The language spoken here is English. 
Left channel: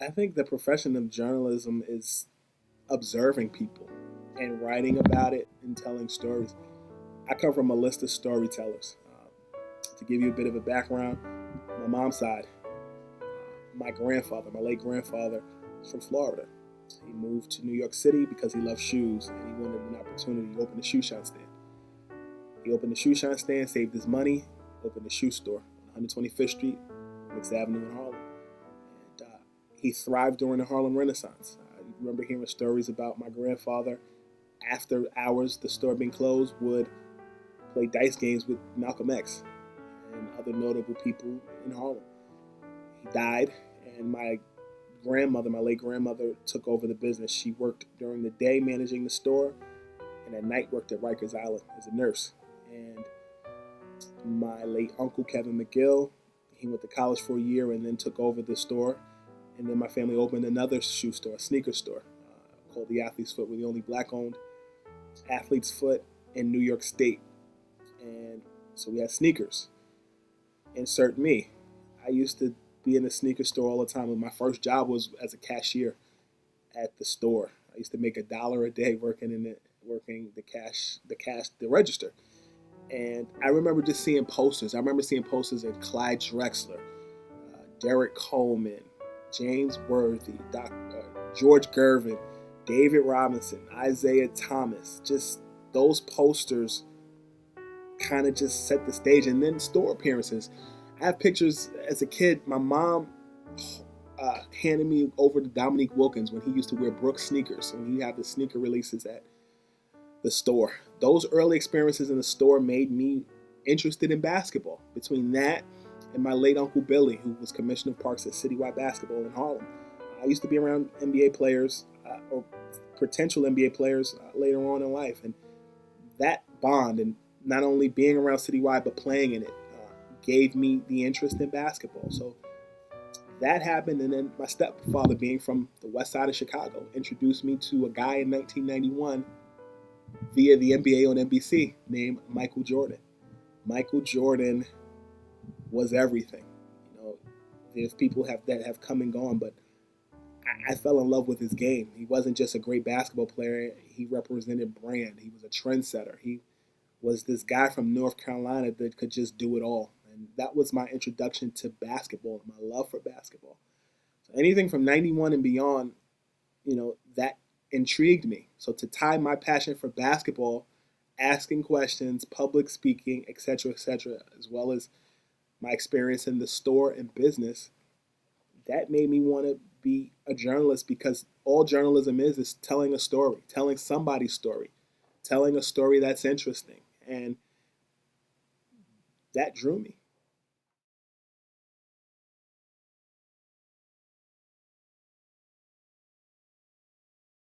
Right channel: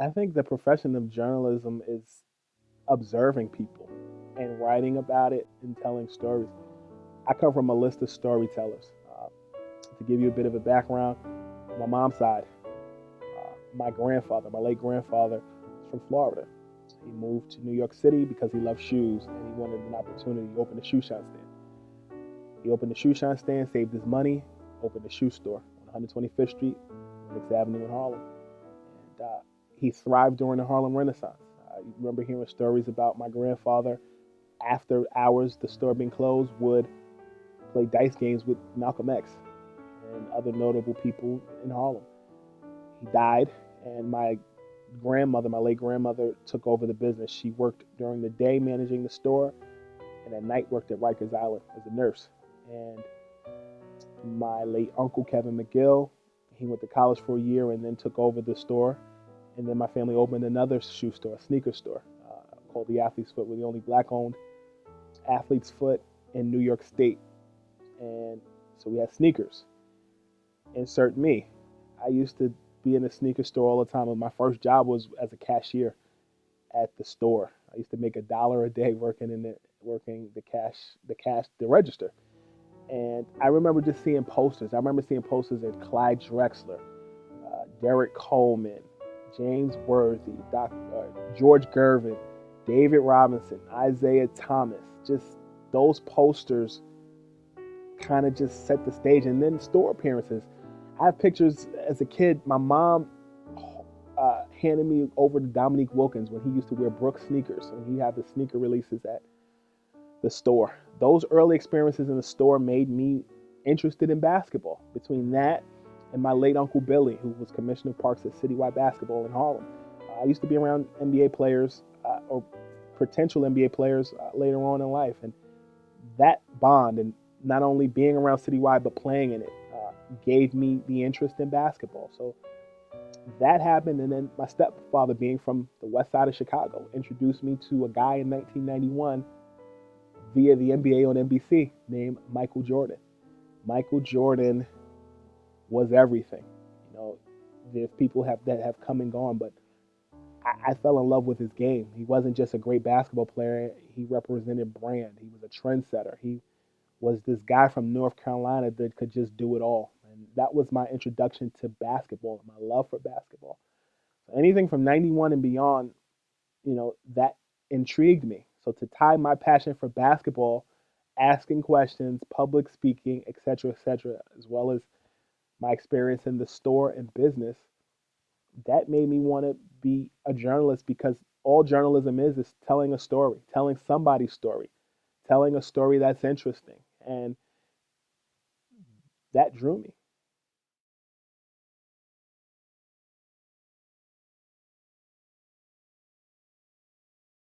I think the profession of journalism is observing people and writing about it and telling stories. I come from a list of storytellers. To give you a bit of a background, my mom's side, my grandfather, my late grandfather, is from Florida. He moved to New York City because he loved shoes and he wanted an opportunity to open a shoe shine stand. He opened a shoe shine stand, saved his money, opened a shoe store on 125th Street, Mixed Avenue in Harlem. And he thrived during the Harlem Renaissance. I remember hearing stories about my grandfather after hours, the store being closed, would play dice games with Malcolm X and other notable people in Harlem. He died, and my grandmother, my late grandmother, took over the business. She worked during the day managing the store, and at night worked at Rikers Island as a nurse. And my late uncle, Kevin McGill, he went to college for a year and then took over the store. And then my family opened another shoe store, a sneaker store, called the Athlete's Foot. We're the only black-owned Athlete's Foot in New York State. And so we had sneakers. Insert me. I used to be in a sneaker store all the time. And my first job was as a cashier at the store. I used to make $1 a day working the register. And I remember just seeing posters. I remember seeing posters of Clyde Drexler, Derek Coleman, James Worthy, George Gervin, David Robinson, Isaiah Thomas. Just those posters kind of just set the stage. And then store appearances. I have pictures as a kid. My mom handed me over to Dominique Wilkins when he used to wear Brooks sneakers, when he had the sneaker releases at the store. Those early experiences in the store made me interested in basketball. Between that and my late Uncle Billy, who was commissioner of parks at Citywide Basketball in Harlem, I used to be around NBA players or potential NBA players later on in life. And that bond, and not only being around Citywide but playing in it, gave me the interest in basketball. So that happened, and then my stepfather, being from the west side of Chicago, introduced me to a guy in 1991 via the NBA on NBC named Michael Jordan. Michael Jordan was everything. You know, there's people that have come and gone, but I fell in love with his game. He wasn't just a great basketball player. He represented brand. He was a trendsetter. He was this guy from North Carolina that could just do it all. And that was my introduction to basketball, my love for basketball. So anything from 91 and beyond, that intrigued me. So to tie my passion for basketball, asking questions, public speaking, etc., as well as my experience in the store and business, that made me want to be a journalist, because all journalism is telling a story, telling somebody's story, telling a story that's interesting. And that drew me.